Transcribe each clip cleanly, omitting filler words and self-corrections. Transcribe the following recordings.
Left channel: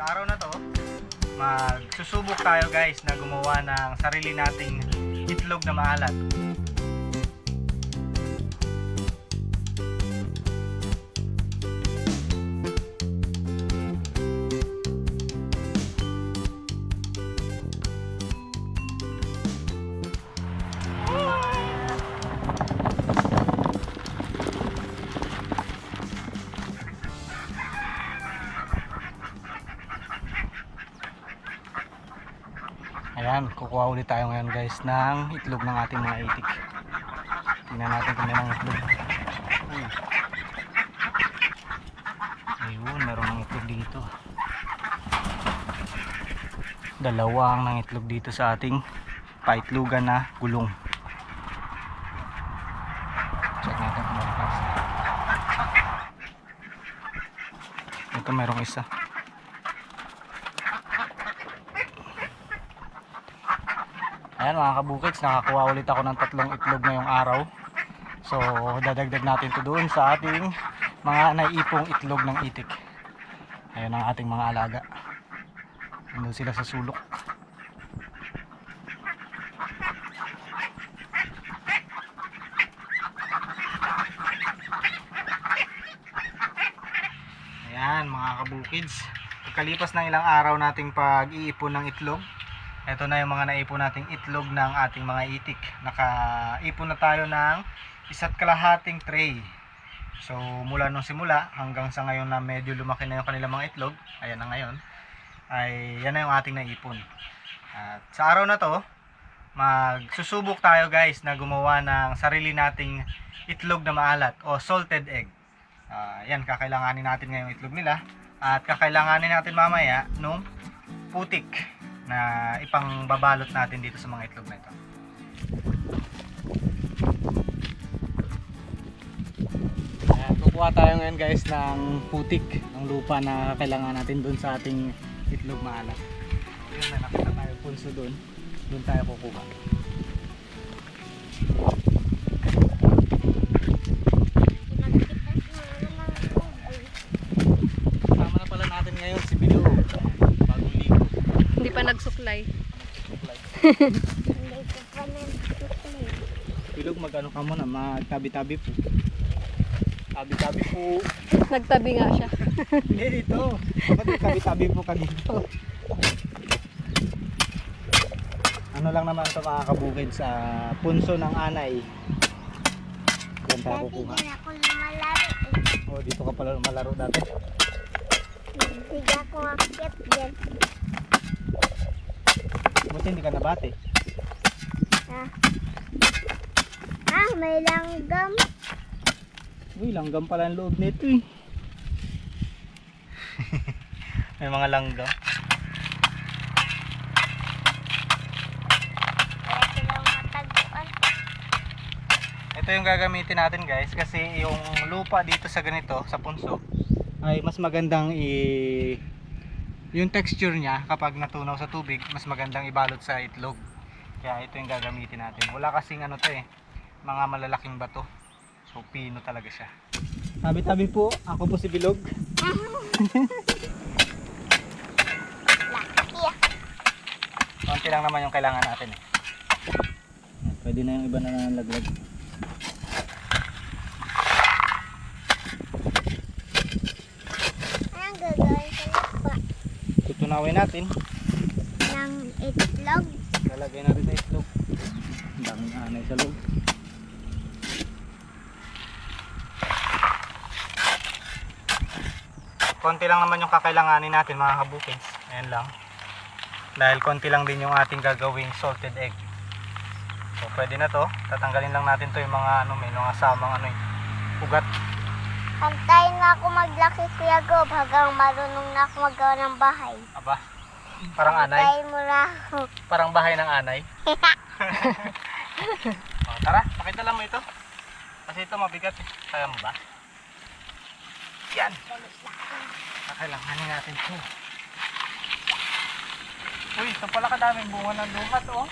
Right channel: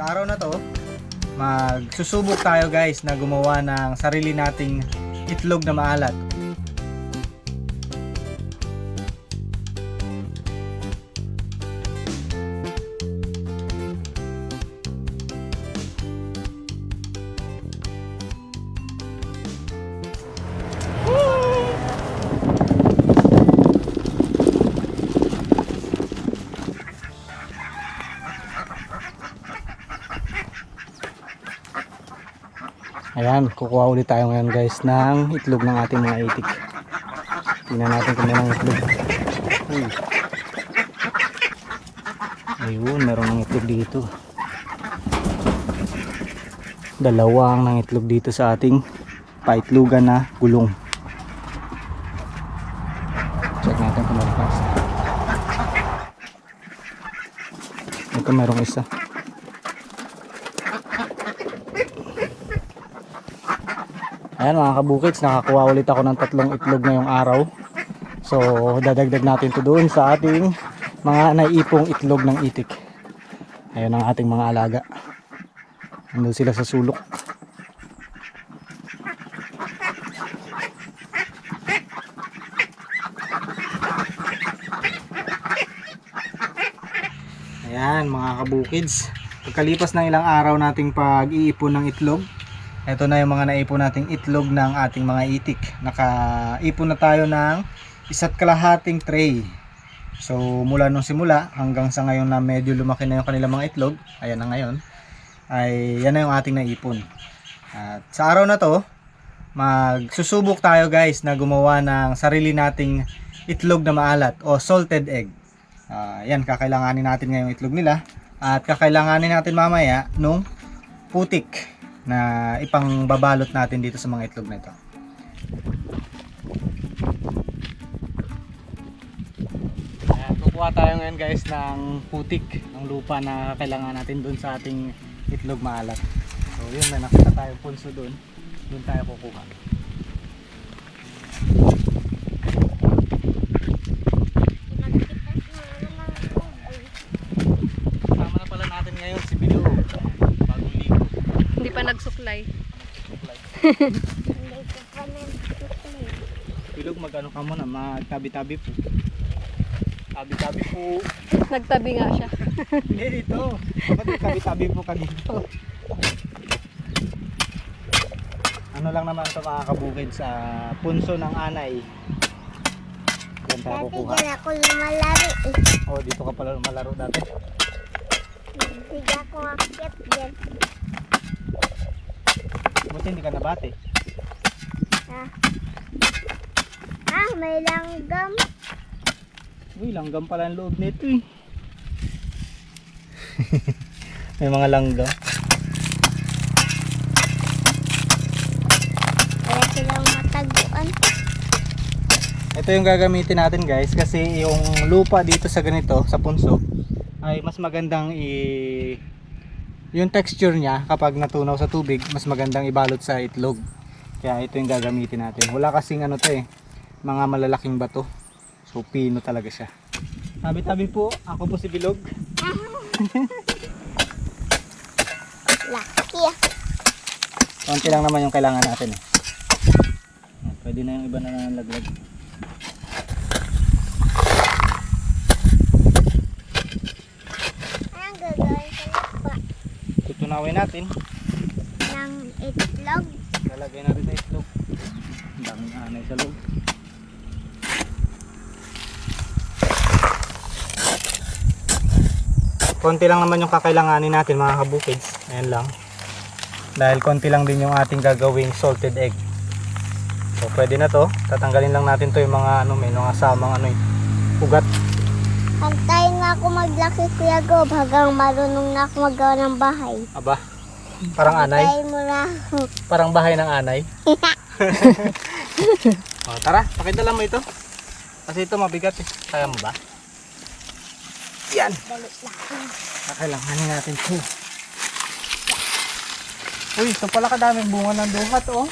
Sa araw na to, magsusubok tayo guys na gumawa ng sarili nating itlog na maalat. Ayan, kukuha ulit tayo ngayon guys ng itlog ng ating mga itik. Tingnan natin kung mayroong itlog. Uy. Ayun, meron ng itlog dito. Dalawang ng itlog dito sa ating paitlogan na gulong. Check natin kung meron pa isa. Ito merong isa. Ayan mga kabukits, nakakuha ulit ako ng 3 itlog ngayong araw. So dadagdag natin to doon sa ating mga naiipong itlog ng itik. Ayan ang ating mga alaga. Nandun sila sa sulok. Ayan mga kabukids, pagkalipas ng ilang araw nating pag-iipon ng itlog, ito na yung mga naipon nating itlog ng ating mga itik. Nakaipon na tayo ng 1.5 tray. So mula nung simula hanggang sa ngayon na medyo lumaki na yung kanilang mga itlog, ayan na ngayon, ay yan na yung ating naipon. At sa araw na to, magsusubok tayo guys na gumawa ng sarili nating itlog na maalat o salted egg. Yan, kakailanganin natin ngayong itlog nila. At kakailanganin natin mamaya nung putik na ipang babalot natin dito sa mga itlog na ito. Ayan, kukuha tayo ngayon guys ng putik ng lupa na kailangan natin doon sa ating itlog maalat. So yun, may nakita tayo punso doon. Doon tayo kukuha. Kasama na pala natin ngayon si Bilo. Bagong ligo. Hindi pa nagsuklay. Bilog, mag-ano ka muna, magtabi-tabi po. Tabi-tabi po. Nagtabi nga siya. Hindi dito. Bakit tabi-tabi po ka dito? Ano lang naman ito mga kabukid sa punso ng anay. Diyan tayo kukuha. Dati ako lumalaro eh. Oh, dito ka pala malaro dati. Hindi ako akit dyan. Buti hindi ka nabate. May langgam. Uy, langgam pala ang loob nito eh. May mga langgam. Kaya silang mataguan. Ito yung gagamitin natin guys, kasi yung lupa dito sa ganito, sa punso, ay mas magandang yung texture niya kapag natunaw sa tubig, mas magandang ibalot sa itlog. Kaya ito yung gagamitin natin. Wala kasing ano to eh, mga malalaking bato. So pino talaga siya. Tabi-tabi po, ako po si Bilog. Laki ah. Konti lang naman yung kailangan natin eh. Pwede na yung iba na nalaglag. Anong gagawin sa lupa? Tutunawin natin. Ng itlog. Lalagay natin sa itlog. Ang daming anay sa loob. Konti lang naman yung kakailanganin natin mga kabukids. Ayan lang. Dahil konti lang din yung ating gagawing salted egg. So pwede na to. Tatanggalin lang natin to yung mga ano, may mga samang ano, ugat. Antayin nga ako maglaki Kuya Gob hanggang marunong na ako magawa ng bahay. Aba, parang anay. Antayin mo na. Parang bahay ng anay. O, tara, pakidala mo ito. Kasi ito mabigat eh. Kaya mo ba? Yan. Kakailanganin natin ito. Uy, ito pala kadaming bunga ng duhat oh.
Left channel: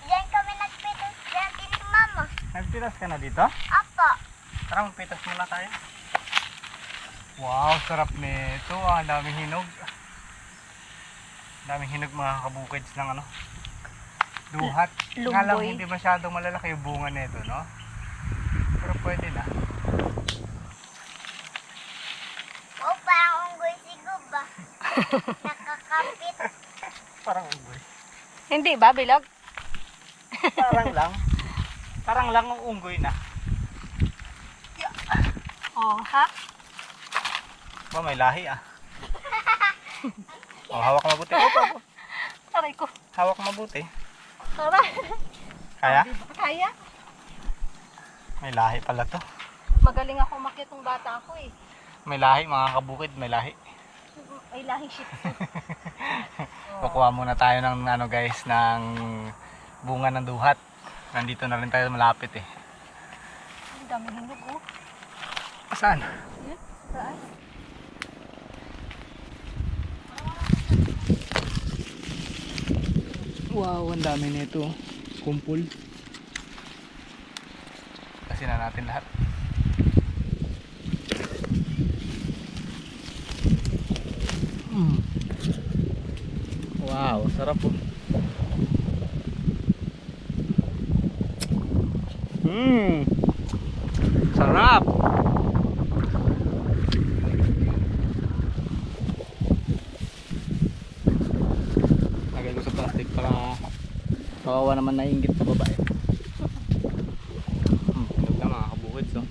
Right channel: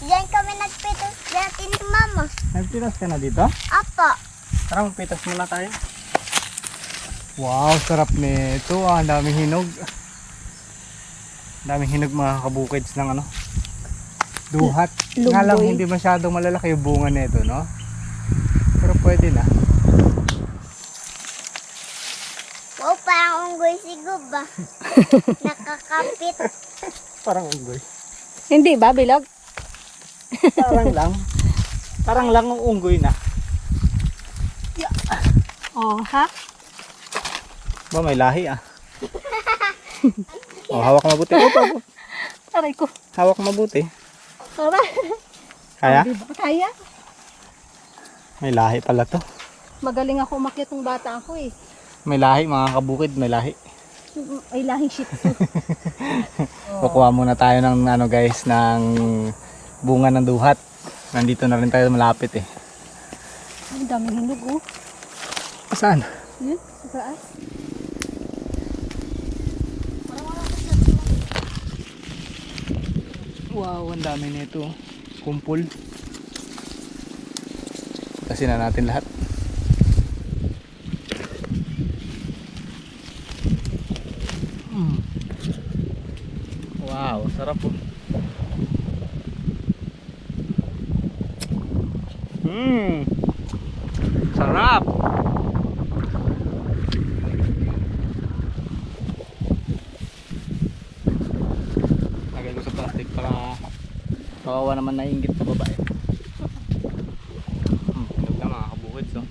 Diyan kami nagpitas dati ni Mama. Nagpitas ka na dito? Apo. Tara, magpitas muna tayo. Wow, sarap nito. Ang daming hinog. Daming hinog mga kabukids ng ano, duhat. Lumboy. Nga lang hindi masyadong malalaki yung bunga nito, no? Pero pwede na. Wow, parang unggoy si Gub ah. Nakakapit. Parang unggoy. Hindi ba, bilog? Parang lang. Parang lang ang unggoy na. Oh, ha? Ba may lahi ah. Oh, hawak mabuti. Opo. Aray ko. Hawak mabuti. Aray. Kaya? Diba? Kaya? May lahi pala to. Magaling ako umakyat ng bata ako eh. May lahi mga kabukid, may lahi. Ay, lahing shit to. Kukuha muna tayo ng ano guys, ng bunga ng duhat. Nandito na rin tayo malapit eh. Ang daming hinog oh. Saan? Yun, sa taas. Wow, ang dami nito. Kumpul. Kasi na natin lahat. Wow, sarap po. Sarap. Lagay ko sa plastic para kawawa naman naiinggit sa babae. Hinog na mga kabukid so.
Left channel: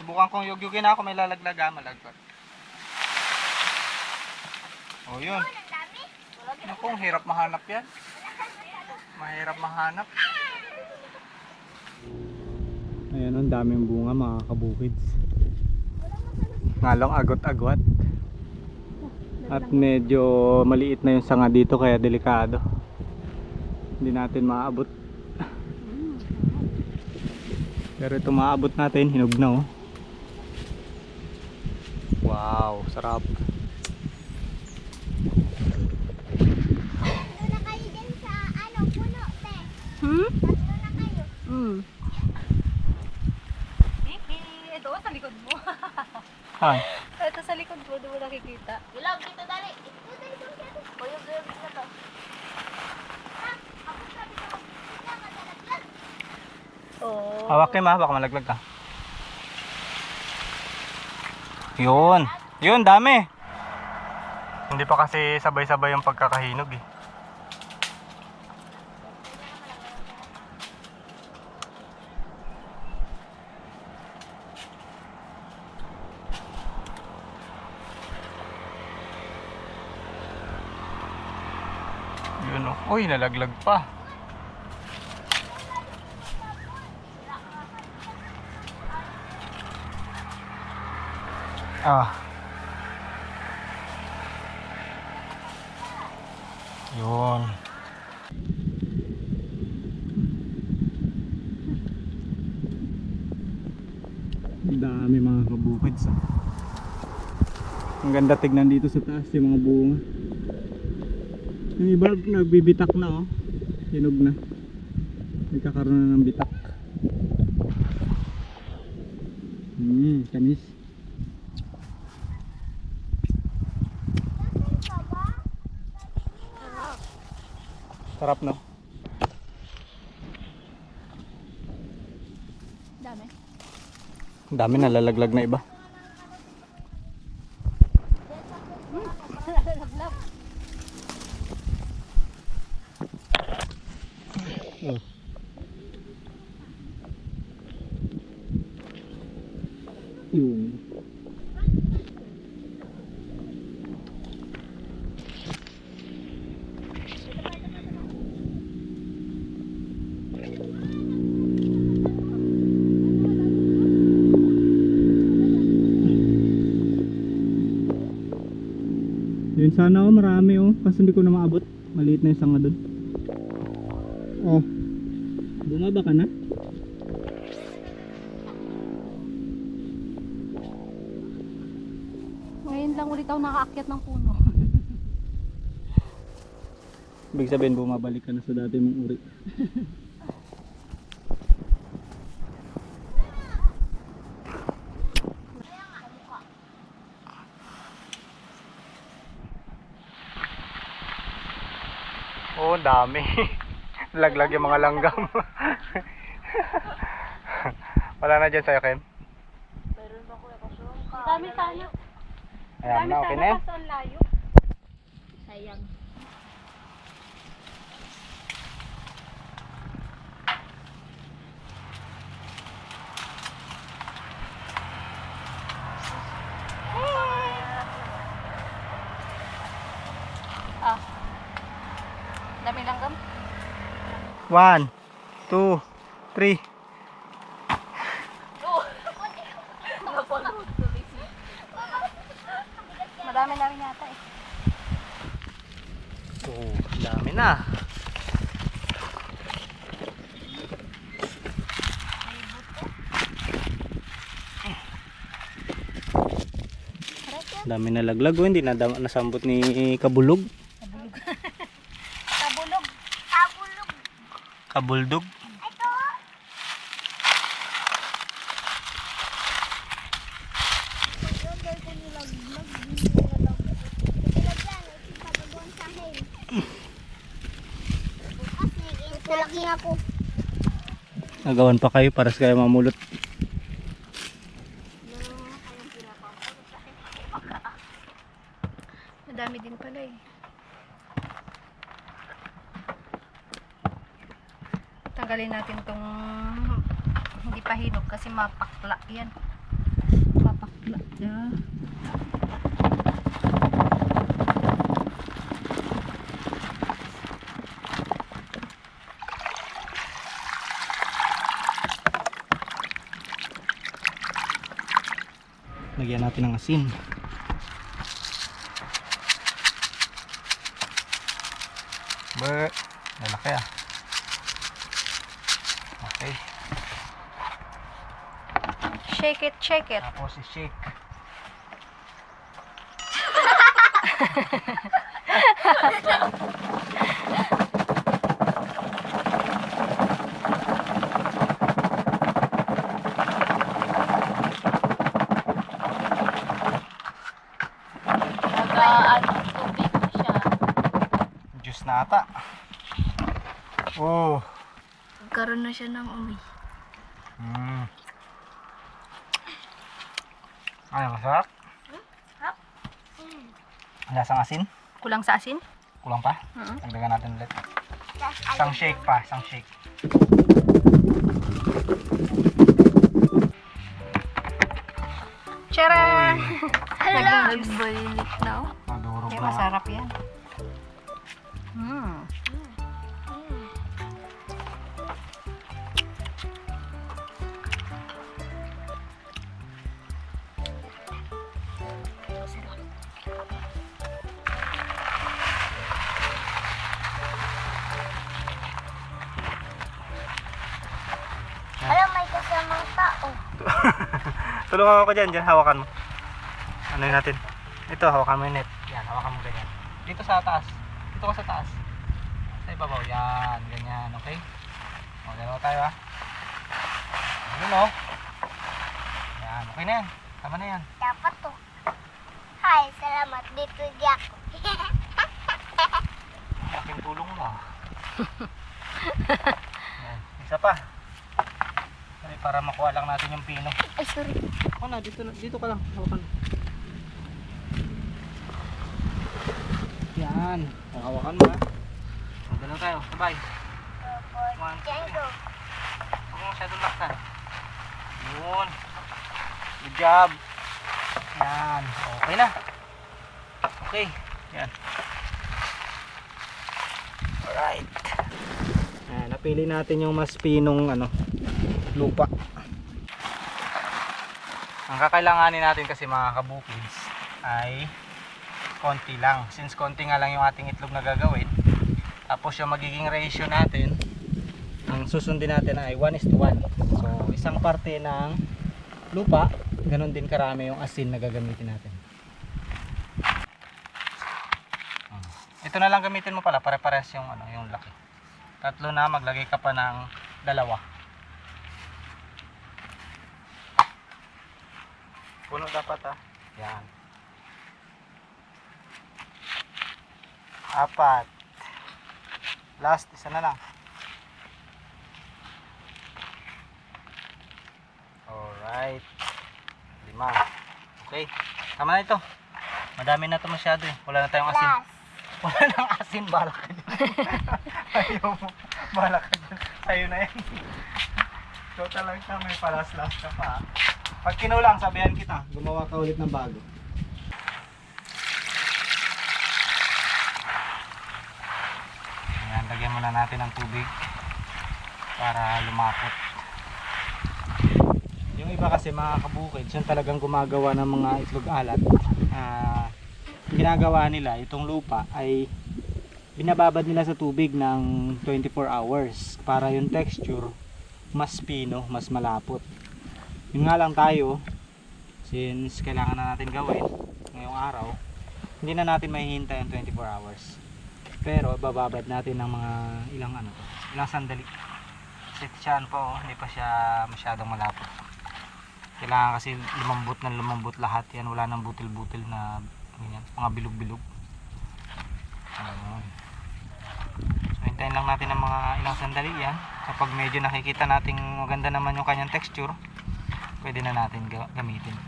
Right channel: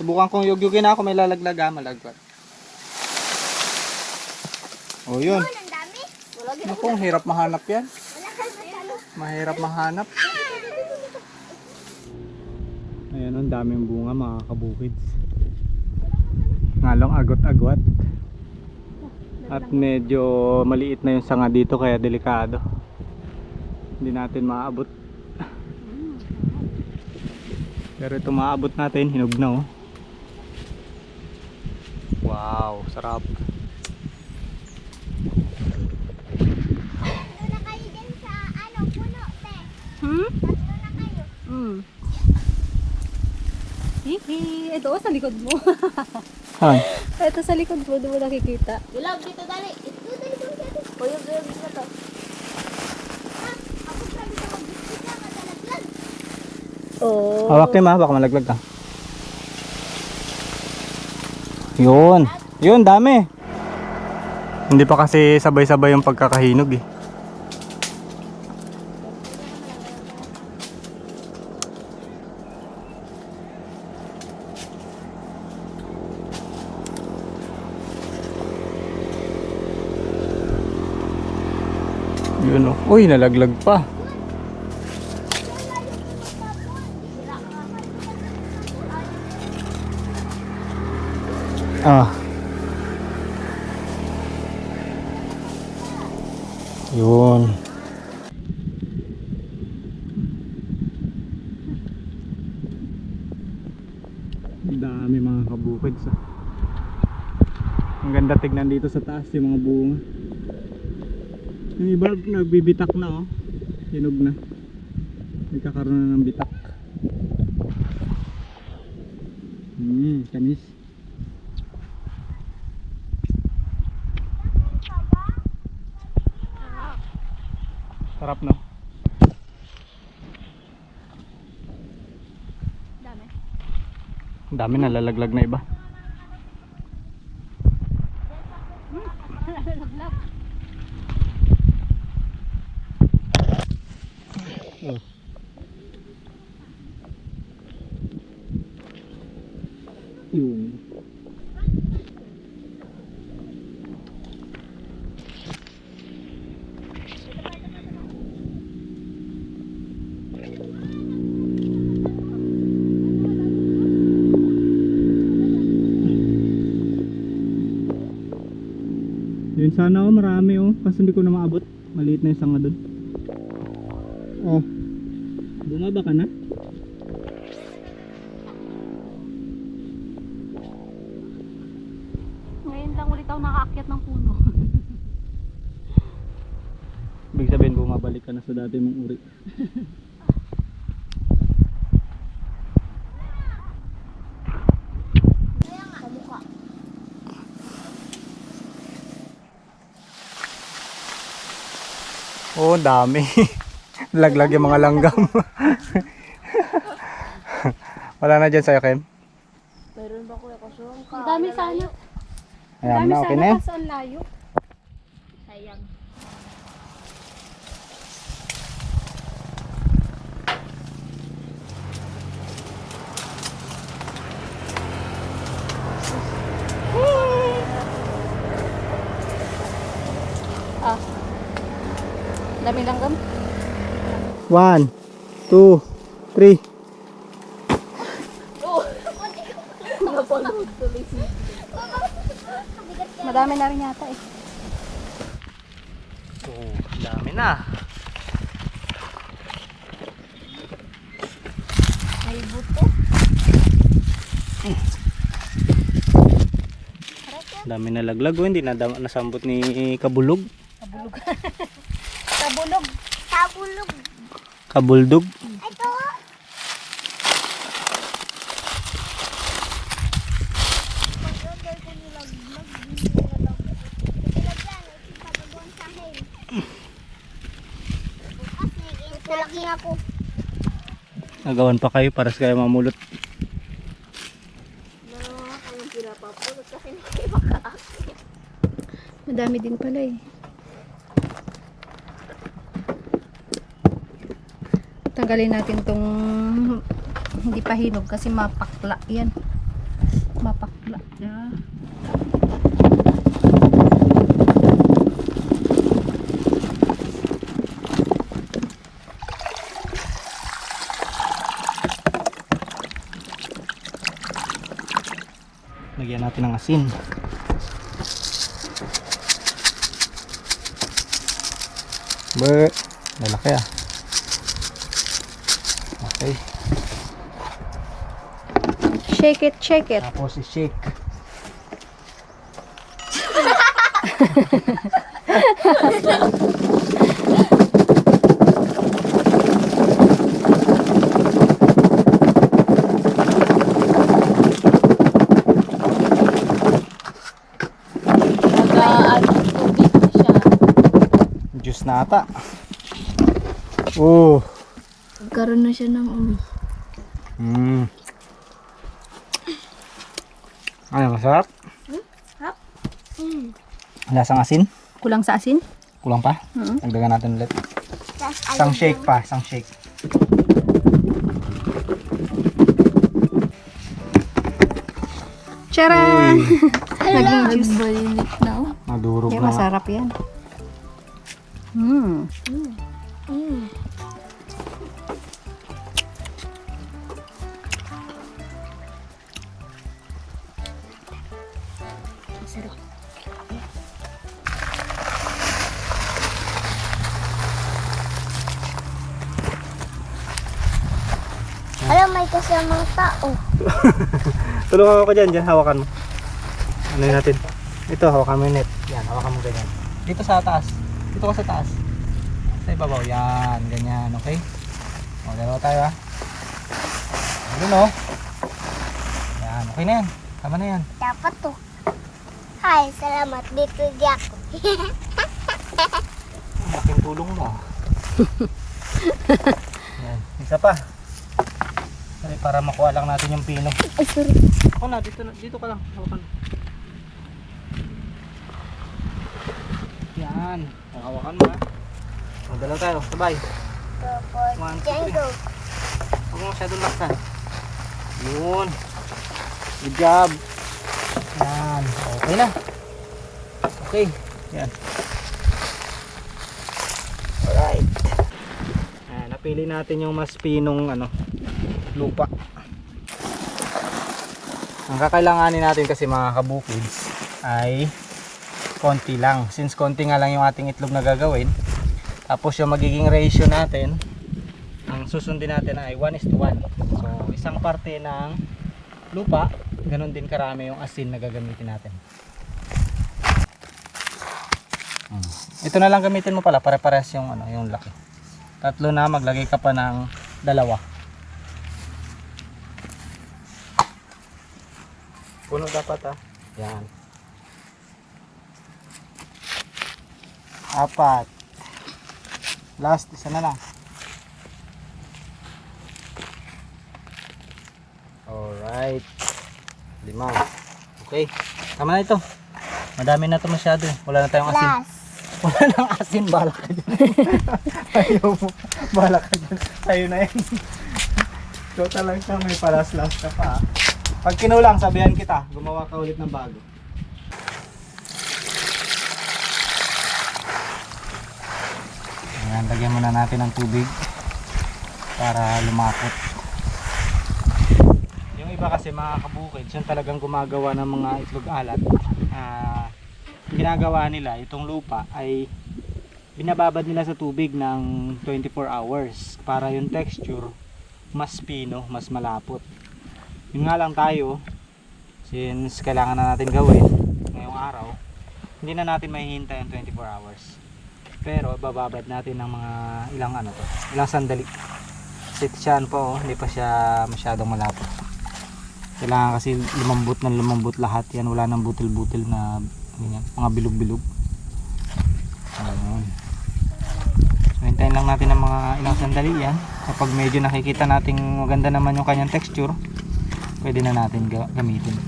Subukan kong yugyugin ako, may lalaglag malagpat. Oh yun. Ang dami. Naku, ang hirap mahanap yan. Mahirap mahanap. Ayan, ang daming bunga mga kabukids. Ngalong agot-agwat. At medyo maliit na yung sanga dito kaya delikado. Hindi natin maabot. Pero ito maabot natin, hinog na oh. Wow, sarap. Tatlo na kayo dyan sa puno, te. Hmm? Tatlo na kayo. Hihi. Ito oh, sa likod mo. Ay, Ito sa likod mo, doon mo nakikita. Bilog, dito dali. Ito dali, dito. Uyog, dito to. Ako sabi ko mag-biscuit na, kadalaglag. Oh. hawakin ma, baka malaglag ka. Yun. Yun, dami. Hindi pa kasi sabay-sabay yung pagkakahinog eh. Yun oh. Uy, nalaglag pa. Ah. Yun. Ang dami mga kabukids. Ang ganda tignan dito sa taas yung mga bunga. Yung iba nagbibitak na oh. Hinog na. Nagkakaroon na ng bitak. Kanis. Sarap no? Dami. Ang dami nalalaglag na iba. Oh. Yung yun sana oh, marami oh, kasi hindi ko na maabot. Maliit na yung sanga dun. Oh. Bumaba ka na? Ngayon lang ulit ako nakaakyat ng puno. Ibig sabihin bumabalik ka na sa dati mong uri. Oh, dami. Laglag yung mga langgam. Wala na dyan sa'yo, Kem? Ang dami sana. Ayan Ang na, dami okay na sana yan. kaso ang layo. Sayang. Ah. Dami langgam. 1, 2, 3. Madami na rin yata eh. Oh, dami na. May buto. Dami na laglag. Oh, hindi na nasambot ni Kabulog. Tabulog. Tabulog. Kabuldog. Ito. Pag-order ko nilaglag, hindi nilaglag. Nilaglag yan, ipapagawan sa akin. Bukas, nilaki ako. Nagawan pa kayo para sa kayo mamulot. Madami din pala eh. Tanggalin natin tong hindi pa hinog kasi mapakla yan. Mapakla. Yeah. Lagyan natin ng asin. Lalaki ah. Okay. Shake it, shake it. Tapos i-shake. Juice na ata. Oh. Karoon na siya ng umi. Ano, masarap? Hap. Lasang asin? Kulang sa asin? Kulang pa? Dagdagan natin ulit. Isang shake pa, isang shake. Charan! Naging juice. Balilit na. Madurog Yeah, na. masarap yan. Alam, may kasamang tao. Tulungan ako dyan, hawakan mo. Ano yun natin? Ito, hawakan mo yung net. Yan, hawakan mo ganyan. Dito sa taas. Dito ka sa taas. Sa ibabaw. Yan, ganyan. Okay? O, dalawa tayo ha. Ayun o. Yan, okay na yan. Tama na yan. Dapat to. Hi, salamat. Dito di ako. Laking tulong mo. Yan, isa pa. Dali, para makuha lang natin yung pino. Ay, sorry. Ako na, dito ka lang. Hawakan mo. Yan. Hawakan mo ha. O, dalawa tayo. Sabay. One, two, three. Django. Huwag mo masyadong laksan. Yun. Good job. Yan. Okay na. Okay. Yan. Alright. Yan. Napili natin yung mas pinong lupa. Ang kakailanganin natin kasi mga kabukids ay konti lang. Since konti nga lang yung ating itlog na gagawin. Tapos yung magiging ratio natin, ang susundin natin ay 1:1. So isang parte ng lupa, ganun din karami yung asin na gagamitin natin. Ito na lang gamitin mo pala, pare-parehas yung yung laki. Tatlo na, maglagay ka pa ng dalawa. Puno dapat Yan. 4. Last, isa na lang. Alright. 5. Okay. Tama na ito. Madami na ito masyado eh. Wala na tayong asin. Last. Wala nang asin. Balak ka dyan. Ayaw mo. Balak ka dyan. Sa'yo na yan. Total lang siya. May palas-las ka pa. Pag kinulang, sabihan kita. Gumawa ka ulit ng bago. Ayan, lagyan muna natin ng tubig para lumapot. Yung iba kasi mga kabukid, siya talagang gumagawa ng mga itlog alat. Ginagawa nila itong lupa ay binababad nila sa tubig ng 24 hours para yung texture mas pino, mas malapot. Yun nga lang tayo, since kailangan na natin gawin ngayong araw, hindi na natin mahihintay yung 24 hours. Pero bababad natin ng mga ilang sandali. Kasi siyan po, hindi pa siya masyadong malapot. Kailangan kasi lumambot lahat yan. Wala nang butil-butil na ganyan, mga bilog-bilog. Ayun. So hintayin lang natin ng mga ilang sandali yan. Kapag medyo nakikita nating maganda naman yung kanyang texture, pwede na natin gamitin.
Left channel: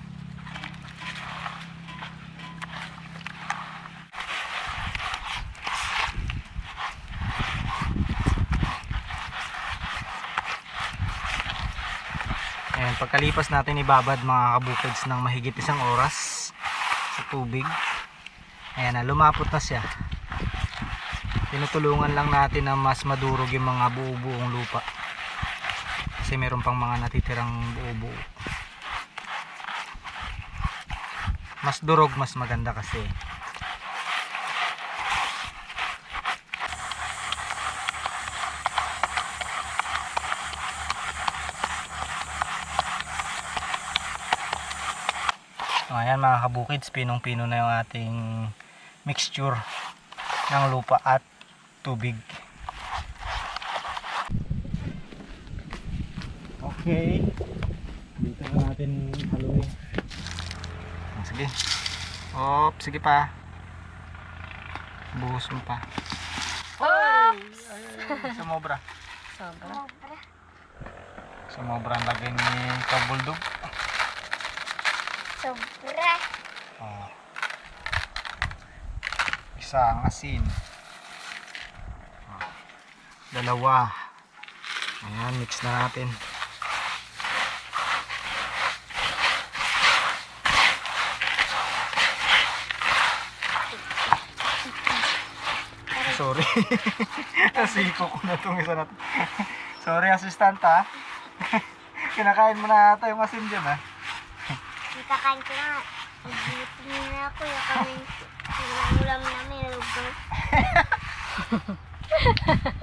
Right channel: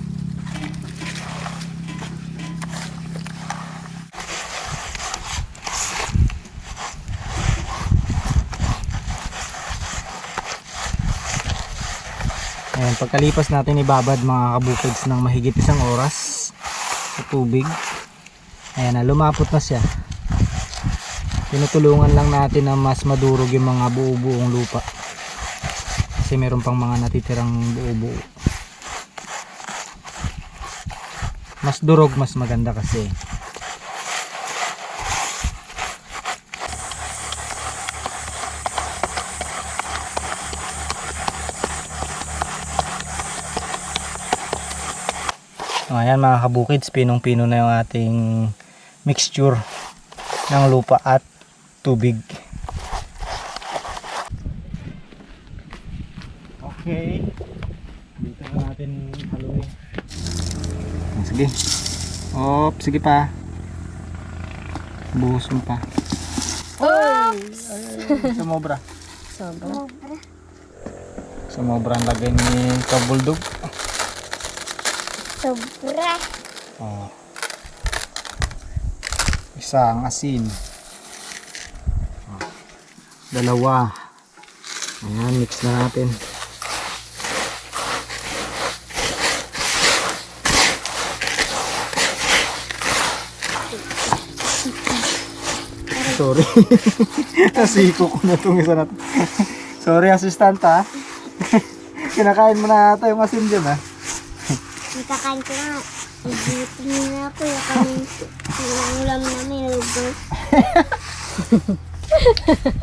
Ayan, pagkalipas natin ibabad mga kabukids ng mahigit 1 oras sa tubig. Ayan na, lumapot na siya. Tinutulungan lang natin na mas madurog yung mga buo-buong lupa. Kasi meron pang mga natitirang buo-buo. Mas durog, mas maganda kasi. Ayan mga kabukids, pinong-pino na yung ating mixture ng lupa at tubig. Okay. Dito na natin haluin. Sige. Sige pa. Buhos mo pa. Oops! Sumobra. Sobra. Sumobra ang lagay ni Kabuldog. Sobra. Isang asin. 2. Ayan, mix na natin. Sorry. Nasiko ko na itong isa na to. Sorry assistant ha. Kinakain mo na ata yung asin dyan ha. Ikakain ko na. Ibutin na ako. Yung ulam namin. Lugaw.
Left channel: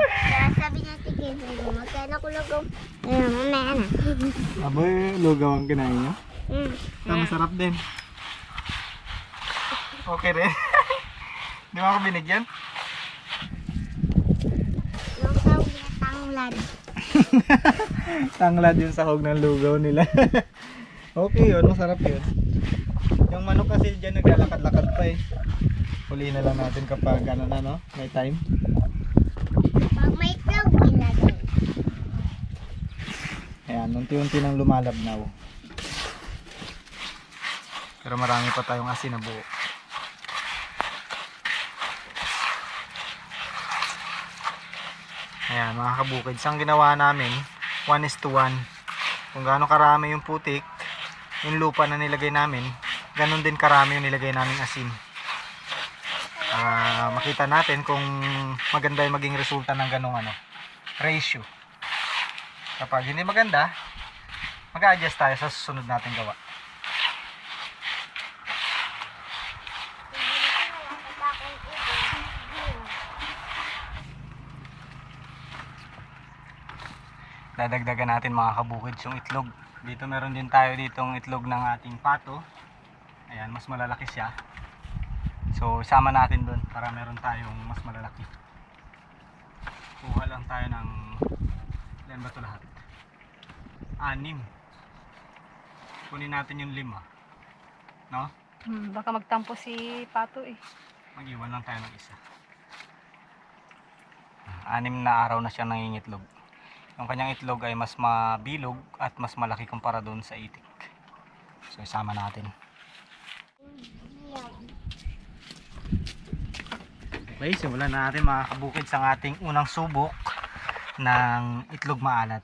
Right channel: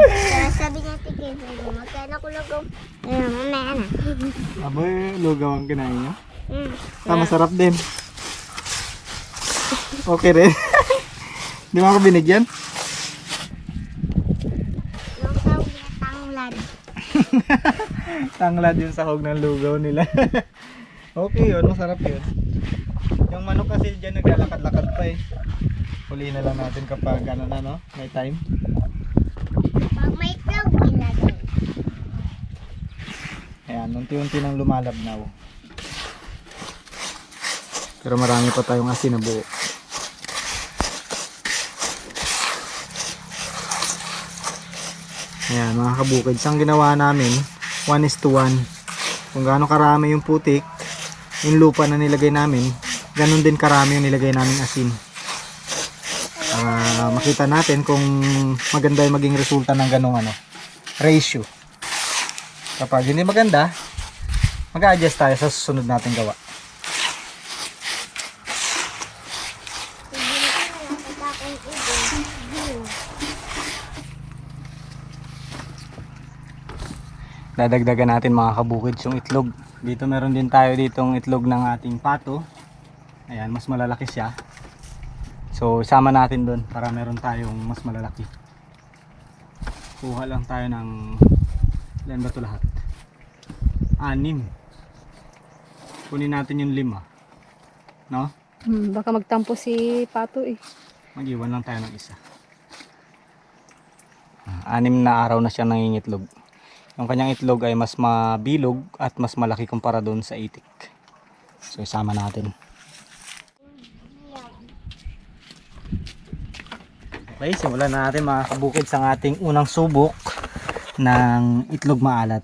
Kaya sabi natin kayo, magkain ako lugaw. Mamaya na. Aboy, lugaw ang kinain nyo. Masarap din. Okay rin. Di mo ako binigyan? Yung tawag na tanglad. Tanglad yung sahog ng lugaw nila. Okay yun, masarap yun. Yung manok kasi dyan naglalakad-lakad pa eh. Huli na lang natin kapag may time. Pag may itlog, ilagay. Ayan, unti-unti nang lumalabnaw. Pero marami pa tayong asin na buo. Ayan mga kabukids, ang ginawa namin 1:1. Kung gaano karami yung putik, yung lupa na nilagay namin, ganun din karami yung nilagay namin asin. Para makita natin kung maganda yung maging resulta ng ganung ratio. Kapag hindi maganda, mag-a-adjust tayo sa susunod nating gawa. Dadagdagan natin mga kabukids yung itlog. Dito meron din tayo ditong itlog ng ating pato. Ayan, mas malalaki siya. So isama natin doon para meron tayong mas malalaki. Kuha lang tayo ng ilan ba ito lahat? 6. Kunin natin yung 5. No? Baka magtampo si Pato eh. Mag-iwan lang tayo ng isa. 6 na araw na siya nangingitlog. Yung kanyang itlog ay mas mabilog at mas malaki kumpara doon sa itik. So isama natin. Okay, simulan na natin mga kabukid sa ating unang subok ng itlog maalat.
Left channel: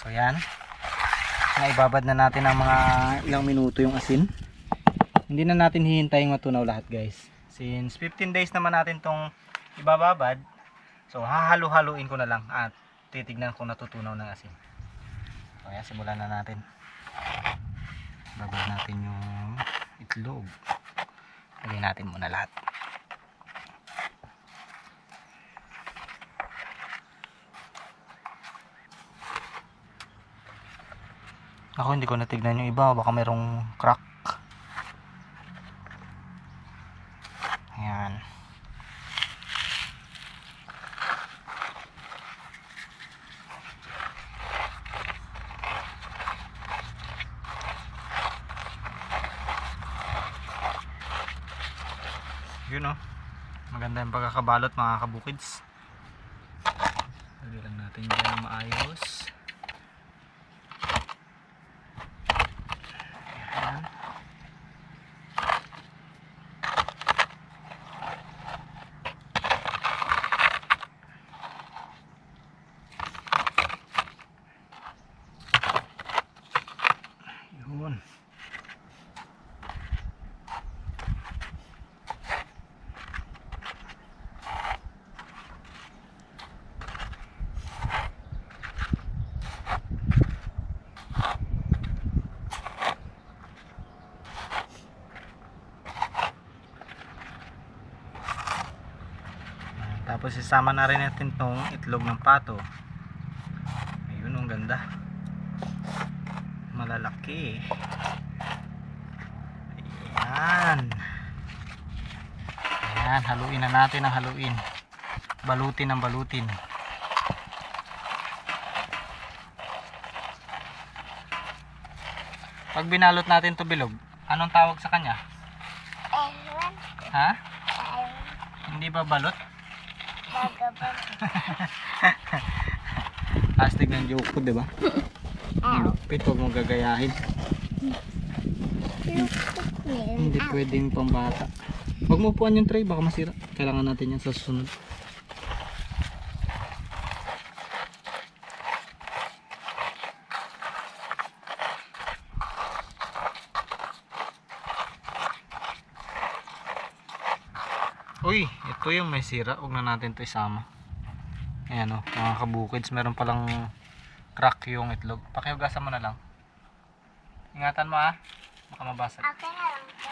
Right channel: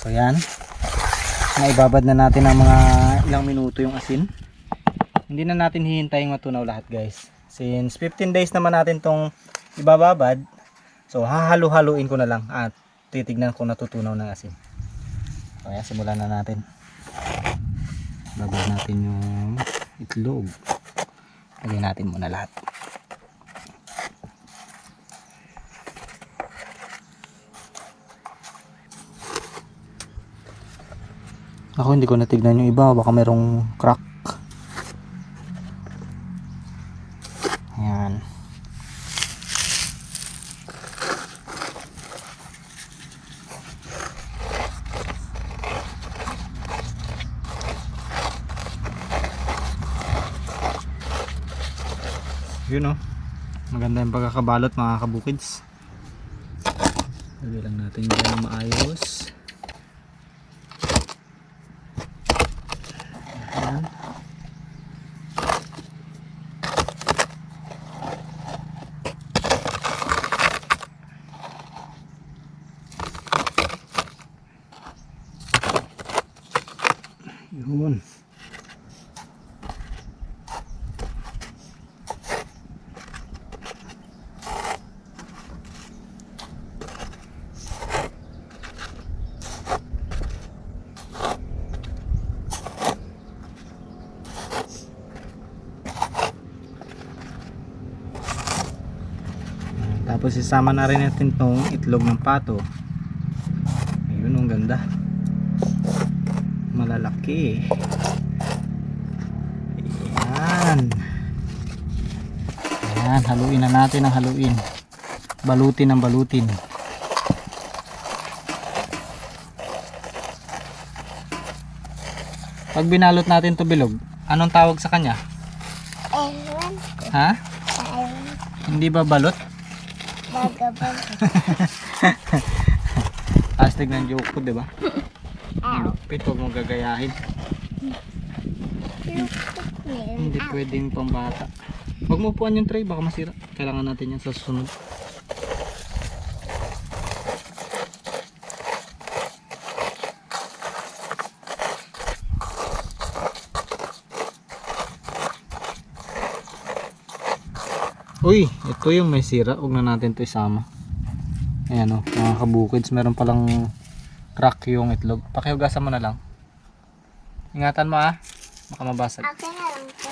So yan, naibabad na natin ng mga ilang minuto yung asin. Hindi na natin hihintayin matunaw lahat guys. Since 15 days naman natin tong ibababad, so hahalo-haluin ko na lang at titignan kung natutunaw ng asin. So ayan, simulan na natin. Babad natin yung itlog. Lagyan natin muna lahat. Ako hindi ko natignan yung iba, baka merong crack. Ayan. Yun oh. Maganda yung pagkakabalot mga kabukids. Lagay lang natin yan na maayos. Ayan. Yun. Tapos isama na rin natin tong itlog ng pato. Ayun, ang ganda. Malalaki. Ayan. Ayan, haluin na natin ang haluin. Balutin ang balutin. Pag binalot natin to bilog, anong tawag sa kanya? Ewan. Ha? Ewan. Hindi ba balot? Bagabag. Hashtag ng joke ko, diba? Lupit, huwag mong gagayahin. Hindi pwedeng pambata. Huwag mo upuan yung tray, baka masira. Kailangan natin yan sa susunod. Uy, ito yung may sira. Huwag na natin ito isama. Ayan o, mga kabukids, meron palang crack yung itlog. Pakihugasan mo na lang. Ingatan mo ah, baka mabasag. Okay na lang po.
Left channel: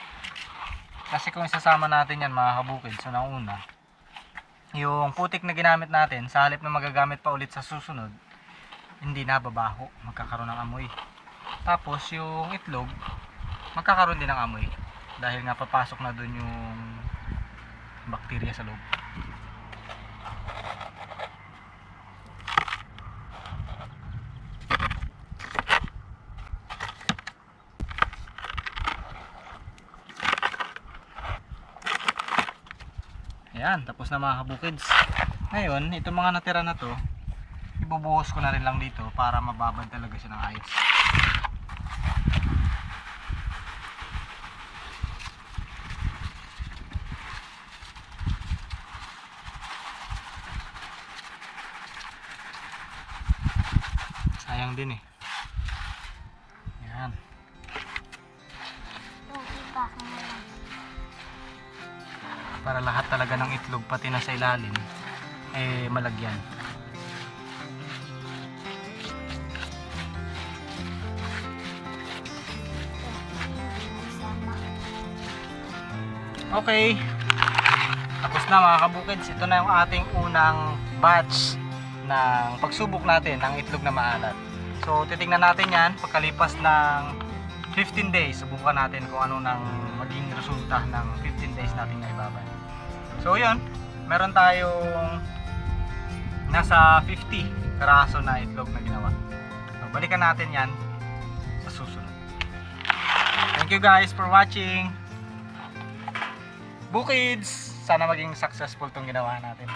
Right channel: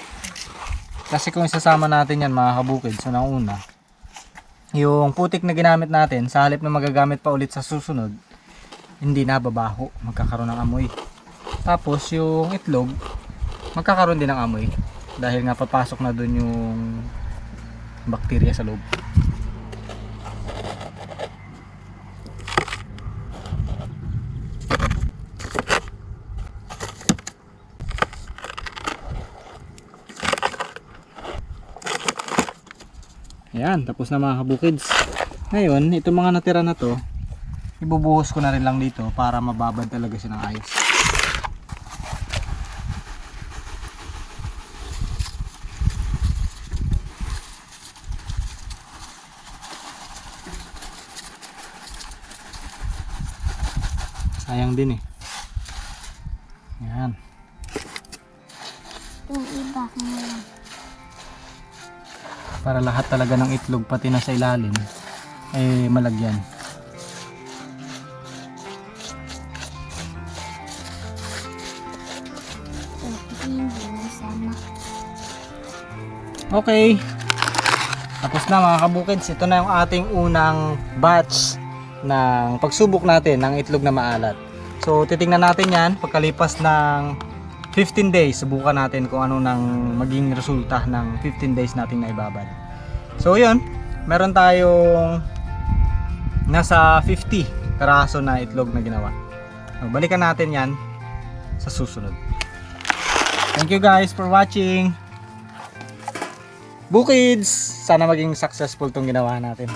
Kasi kung isasama natin yan mga kabukids, so una, yung putik na ginamit natin, sa halip na magagamit pa ulit sa susunod, hindi na babaho, magkakaroon ng amoy. Tapos yung itlog, magkakaroon din ng amoy. Dahil nga papasok na dun yung bakterya sa loob. Ayan, tapos na mga kabukids. Ngayon, itong mga natira na to, ibubuhos ko na rin lang dito para mababad talaga siya ng ayos. Sayang din eh. Ayan. Yung iba. Para lahat talaga ng itlog pati na sa ilalim eh malagyan. Okay. Tapos na mga kabukids, ito na yung ating unang batch ng pagsubok natin ng itlog na maalat. So titingnan natin yan pagkalipas ng 15 days. Subukan natin kung ano nang maging resulta ng 15 days natin na ibabad. So yun, meron tayong nasa 50 karaso na itlog na ginawa. Balikan natin yan sa susunod. Thank you guys for watching. Bukids! Sana maging successful tong ginawa natin.